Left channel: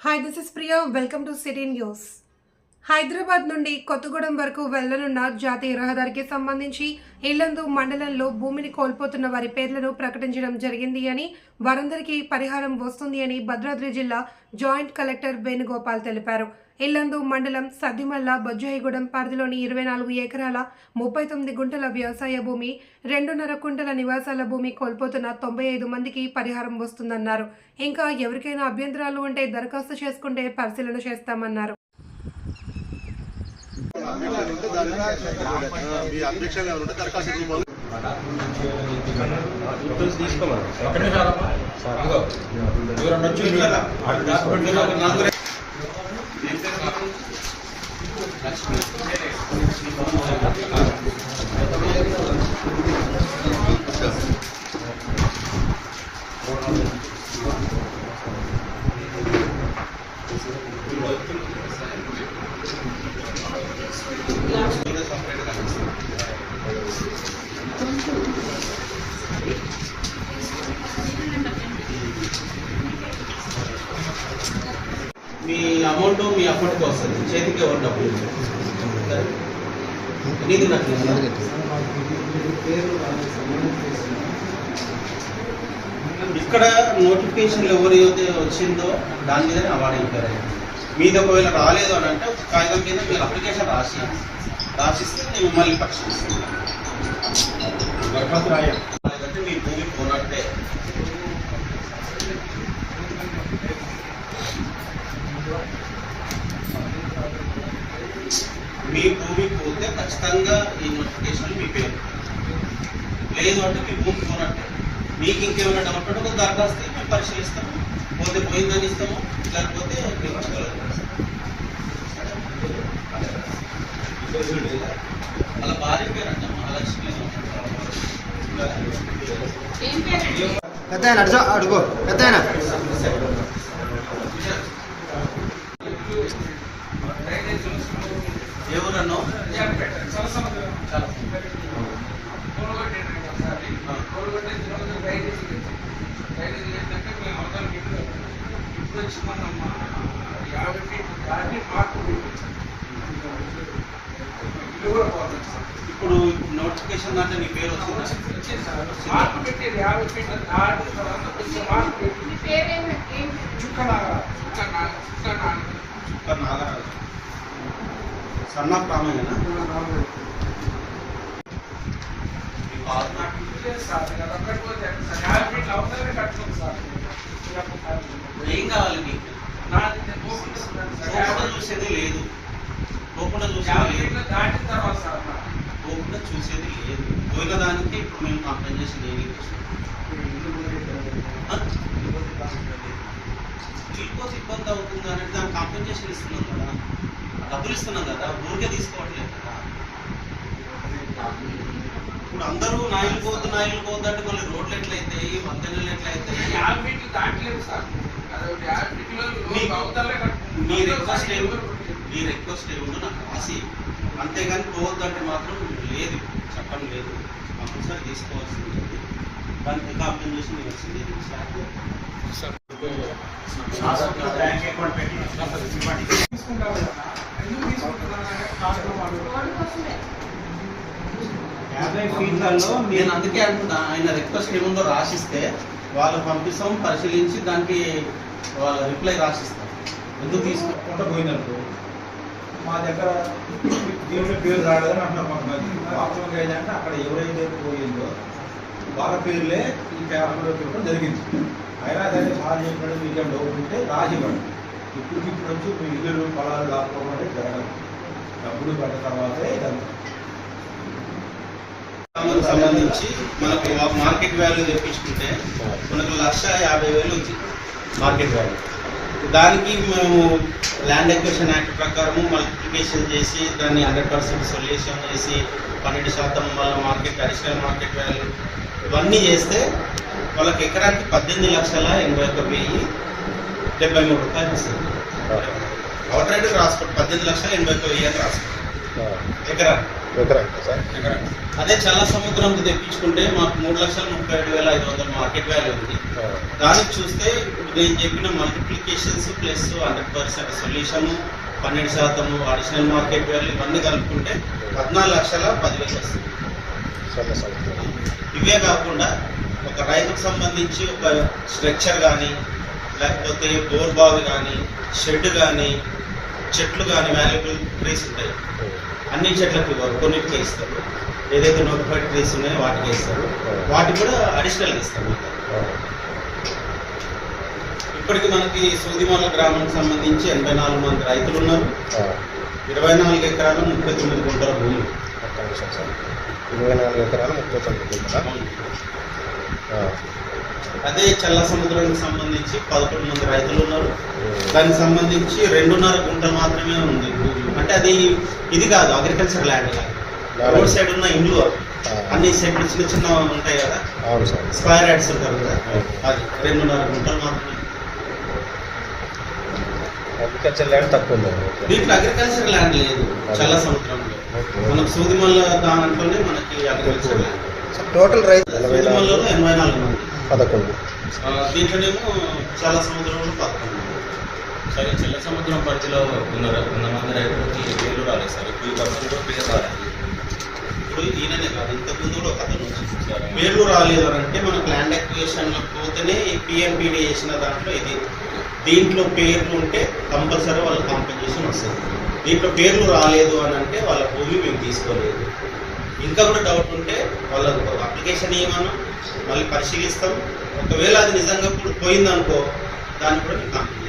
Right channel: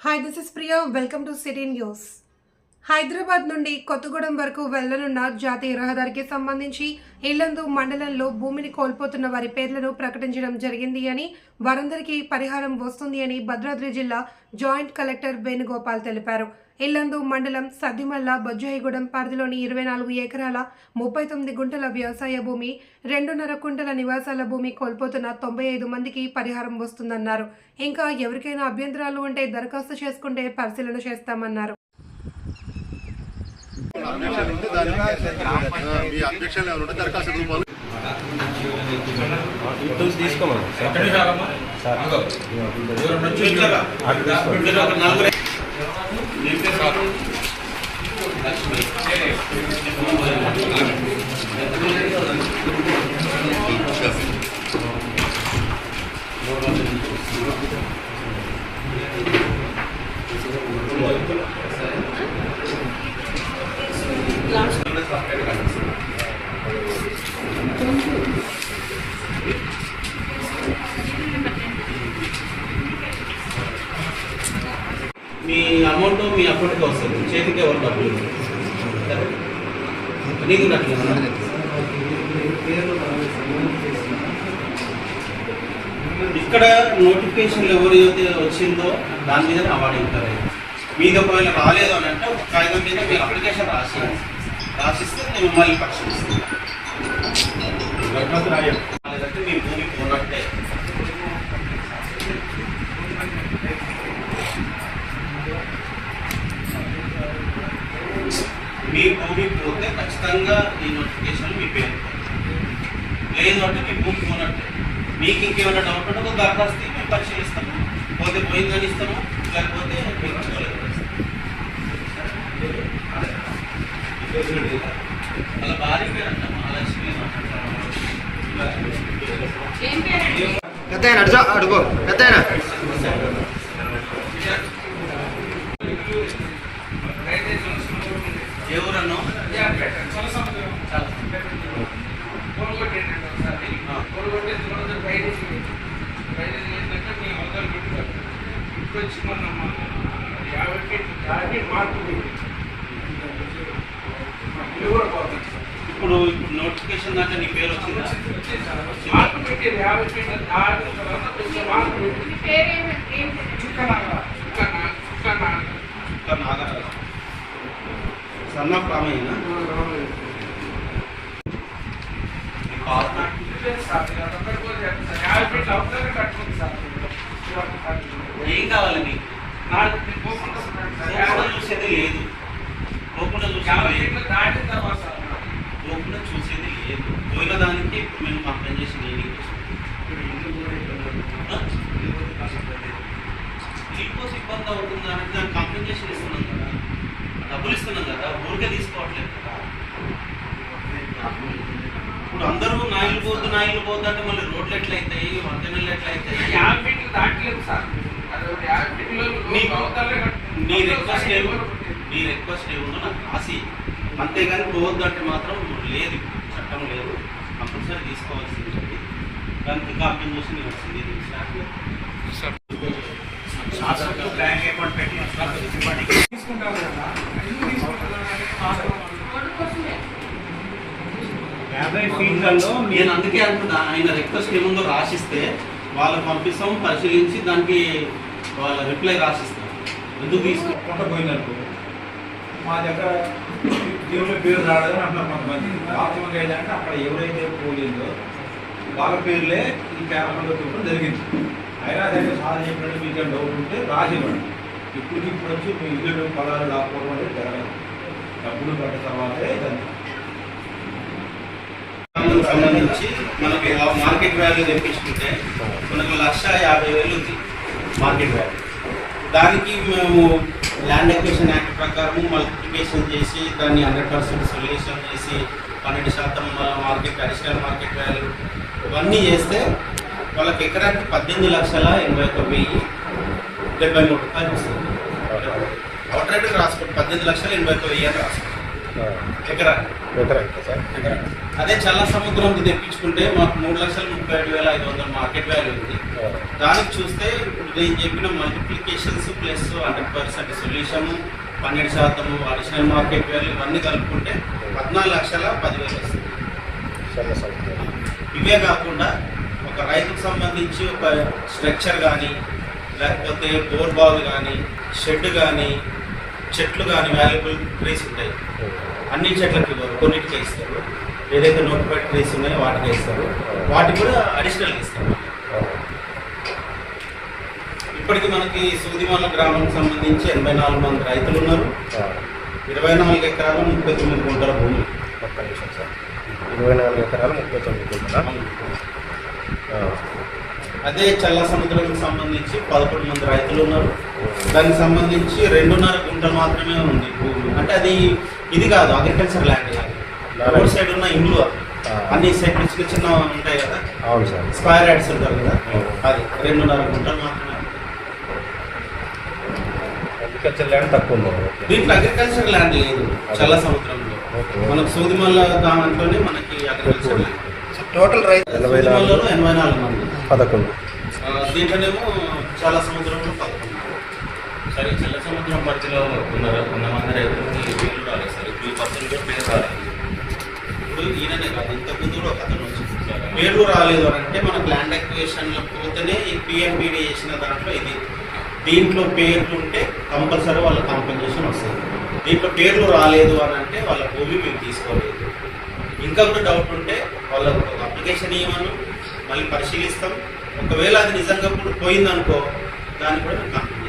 Hi this is Priya welcome to city news Hyderabad నుండి కొత్తగూడెం వరకు వెళ్ళనున్న జాతీయ రహదారికి సంబంధించి ఇల్లందు మండలంలో భూమిని కోల్పోతున్న వారి పేర్లను ప్రకటించడం జరిగింది అని వారందరికీ పరిహారం వస్తుంది అని భద్రాద్రి జిల్లా జాయింట్ కలెక్టర్ వేణుగోపాల్ తెలిపారు. ఇల్లందు మండలం సద్దిమల్ల బొజ్జాయిగూడెం పరిధిలోని ఇరవై నాలుగు ఎకరాల ముప్పై తొమ్మిది గుంటల వ్యవసాయ భూమి రెండున్నర కుంటల నివాసాల భూమి కోల్పోతున్న తొంభై ఐదు మందికి పరిహారం వస్తుందన్నారు. ఇంకా ఎవరికైనా అభ్యంతరాలు ఉంటే దరఖాస్తు చేసుకుంటే పరిశీలన చేస్తామన్నారు. అబ్జెక్షన్ ఉంటే దానికి ఆ, మీ అబ్జెక్షన్ ఏమైనా ఉంటే దరఖాస్తు రూపంలో మీ అమౌంట్ మీ అకౌంట్కి వస్తుంది. చేతికి ఎవరు డబ్బులు. సరే? నీకు నాకు ఇక్కడ నోటిఫికేషన్ ఎవరైతే వచ్చిందో దాని మీద అవార్డు ఇస్తారు మీది ఒకవేళ రాలేదు అని అంటే ఒక కాగితం మీద మీరు అప్లికేషన్ రాసి రాసిస్తే నేను మళ్ళీ పరిశీలిస్తాను. లేదంటే భూమి పోనట్టే మీ భూమి పోతే ఖచ్చితంగా ఈ నోటిఫికేషన్ మీ పేరు. లేదు అంటే మీ భూమి పోనట్టే మీకు ఇంకేమైనా డౌట్ ఉంటే ఒక దరఖాస్తు మేము పరిశీలిస్తాము పోతే పోయిందని ఇస్తాము. లేకపోతే. అలా భార్య పేరు అంట మహాలక్ష్మి పెద్ద అడుగు అడుగు పెద్ద ఎవరన్నా చాలా ఇప్పుడు ఇప్పుడు నోటిఫికేషన్ దాంట్లో నీ పేరు వచ్చిందా? మార్పు పెట్టారు యాభై ఫీట్ల దాటి తర్వాత కొంచెం మార్పు పెట్టి చుక్క నాగ చుక్క నాగ చుక్క నాగ ఇక్కడ నాగరాజు సన్న ప్రామయ్యనా మీ పాత సార్ మీరు అక్కడ కట్టుకోవచ్చు సార్ యాభై ఫీట్ల అవతలనే కట్టుకోండి సార్ మీరు రామయ్యన ఏం కావాలి మీకు? పోకుండా చూసేది లేదు. పోకుండా చూసేది లేదు. పోకుండా చూసేది లేదు. పోయిన దానికి ఇప్పుడు మేము కంప్లైంట్ చేసి ఏమీ ఇబ్బంది అవుతుందా అంటే దానికి చేసి ఇస్తున్నాం. డబ్బులు ఇస్తున్నాం కదా ఊరికే తీసుకోవట్లేదు కదా. ఇప్పుడు అందరూ నాయిలు పోద్దు నాయిలు పోద్దు అంటే మళ్ళీ రోడ్లు ఎట్లయితాయి వంతెనలు ఎట్లయితాయి? యాభై ఫీట్లు దాటలేదు సార్. నీ రిక్వెస్ట్ ఏమి నీ రిక్వెస్ట్ ఏముందో నాకు రాసి అంతేగాని పోవద్దు అంటే మాత్రం లేదు చట్టం లేదు. కంపల్సరీ తీసుకోవాల్సింది ఉంది. దానికి ఇంకా అర్థం చేసి నేను వచ్చింది తీసుకుంటారు యాభై ఫీట్లలో నేను అందుకే అంటున్నా ఆయన రిక్వెస్ట్ ఏముందో రాసిస్తే వాళ్ళు పంపిస్తాం పరిశీలించి దానికి వాళ్ళ రిప్లై రాసిస్తాం. ఎందుకు తీసుకు కొంట పోయిందనుకో మా దగ్గర దేవుడి పేరు రాలేదని అంటున్నారు కొంతమంది. వాస్తవంగా ఏంటంటే అక్కడ ఎవరైతే పోయిందో వాళ్ళ పేర్లే ఈ పేపర్లో చూడడం జరిగింది. అయినా సరే సార్ చెప్పినట్టు మీకు డౌట్ ఉంటే రాసి ఇవ్వండి. ఇప్పటికి ఇప్పుడు వచ్చి మీ ఇల్లు పొలాలు దాక్కోవడం అనేది జరగదు డబ్బులు పడ్డ తర్వాతే సంబంధించి మనకి ఆ మార్కెట్ వాల్యూ తెప్పించుకుంటే మనకు లక్ష యాభై వేలు ఉంది మార్కెట్ వాల్యూ. దానికి మేము ల్యాండ్ ఎక్వేషన్ యాక్ట్ ప్రకారం మల్టిప్లికేషన్ చేసి దాన్ని హండ్రెడ్ పర్సెంట్ సొల్యూషన్ చేసి పన్నెండు శాతం మార్కెట్ అడిషనల్ మార్కెట్ వాల్యూ ఇవన్నీ చేస్తే వాళ్ళకి ఎకరానికి పద్దెనిమిది లక్షల ఎనభై ఒక వెయ్యి డెబ్బై మూడు రూపాయలు వస్తుంది. అవుట్ రైట్ రాసుకోండి. పద్దెనిమిది లక్షల ఎనభై వెయ్యి అని రాసుకోండి. ఎకరా? అదే చల్ల సముద్రంకి తెప్పించుకుంటే మాకు మూడు లక్షల ముప్పై ఏడు వేల ఐదు వందల మార్కెట్ వాల్యూ ఉంది. దానికి చూస్తే ఇప్పుడు నేను చెప్పిన multiplications plus hundred percent solution పన్నెండు శాతం అడిషనల్ మార్కెట్ వాల్యూ ఇవన్నీ కలుపుకుంటే పద్నాలుగు లక్షల పదివేలు వస్తుంది. సముద్రం. ఇవే కాకుండా ఒక రైతుకు సంబంధించి ఒక స్ట్రక్చర్ కానీ లేకపోతే బోర్ బావి కానీ షెడ్ కానీ చెట్లు కానీ వాల్యుబుల్ ట్రీస్ ఉంటాయి. అన్ని చెట్లకి ఇవ్వరు కొన్నిటికే ఇస్తారు. ఏదైతే నోటిఫైడ్ ట్రీస్ ఉన్నాయో వాటికే ఇస్తారు. వాటికి కూడా అడిషనల్ ఇస్తారు. ఇప్పటికి మనకి సూదిమాల గ్రామానికి సంబంధించి ఎనభై నాలుగు మంది రైతులు ఉన్నారు. ఇరవై నాలుగు ఎకరాలు ముప్పై తొమ్మిది గుంటల భూమి. ఇరవై నాలుగు ఎకరాలు ముప్పై తొమ్మిది గుంటలా? అదే చల్ల సముద్రానికి సంబంధించి పదకొండు మంది రైతులు ఉన్నారు. దానికి సంబంధించి రెండున్నర గుంటలు మాత్రమే ఉంది భూమి. అంటే అది ఇది కాదు అగ్రికల్చర్ ల్యాండ్ కాదు రోడ్ సైడ్ ఉన్న ఇండ్లు. అన్ని సెట్లు చిన్న చిన్న ఉంటాయి కదా. అవును సార్. స్క్వేర్ యాడ్స్ ఉంటారు కదా. అది రెండున్నర గుంటలు మాత్రమే. అగ్రికల్చర్ ల్యాండ్ తక్కువ ఉంది. దీంట్లో అగ్రికల్చర్ ల్యాండ్ లేదు చల్ల సముద్రంలో. మనకు సూదిమల్ల దాంట్లోనే మనకి అగ్రికల్చర్ ల్యాండ్ టోటల్ రైతు సూదిమల్లలో ఎనభై నాలుగు మంది. పదకొండు దీంట్లోనేమో చాలా సముద్రంలో పదకొండు సరే చిన్న సముద్రం పరిధిలో ఉన్నారు. కొంతమంది రైతులకి పేర్లు రాలేదు. సార్ ఇప్పుడు ఈ పర్సన్ కూడా పేరు రాలేదు. ఇప్పుడు ఈయననే కాదు ఇంతకుముందు కూడా ఒక అతను వచ్చి పేర్లు రాలేదు అని అంటే మనకు ల్యాండ్ అక్విజిషన్లో పోతేనే ఈ పిఎంపీడీ చేసిన దాంట్లో ఇది. దీంట్లో పేర్లు ఉంటే కంపల్సరీ వాళ్ళ కాంపెన్సేషన్ వస్తుంది. దీంట్లో పేర్లు రాలేదు అని అంటే వాళ్ళ భూమి మేము తీసుకోలేదు. ఇంకా కూడా డౌట్ ఉంటే వాళ్ళ అప్లికేషన్ ఇవ్వమను. మళ్ళీ పరిశీలిస్తాం. ఒకవేళ అది నిజంగా ఇప్పుడు పోయిందనుకో దాన్ని కూడా మేము కంప్లీట్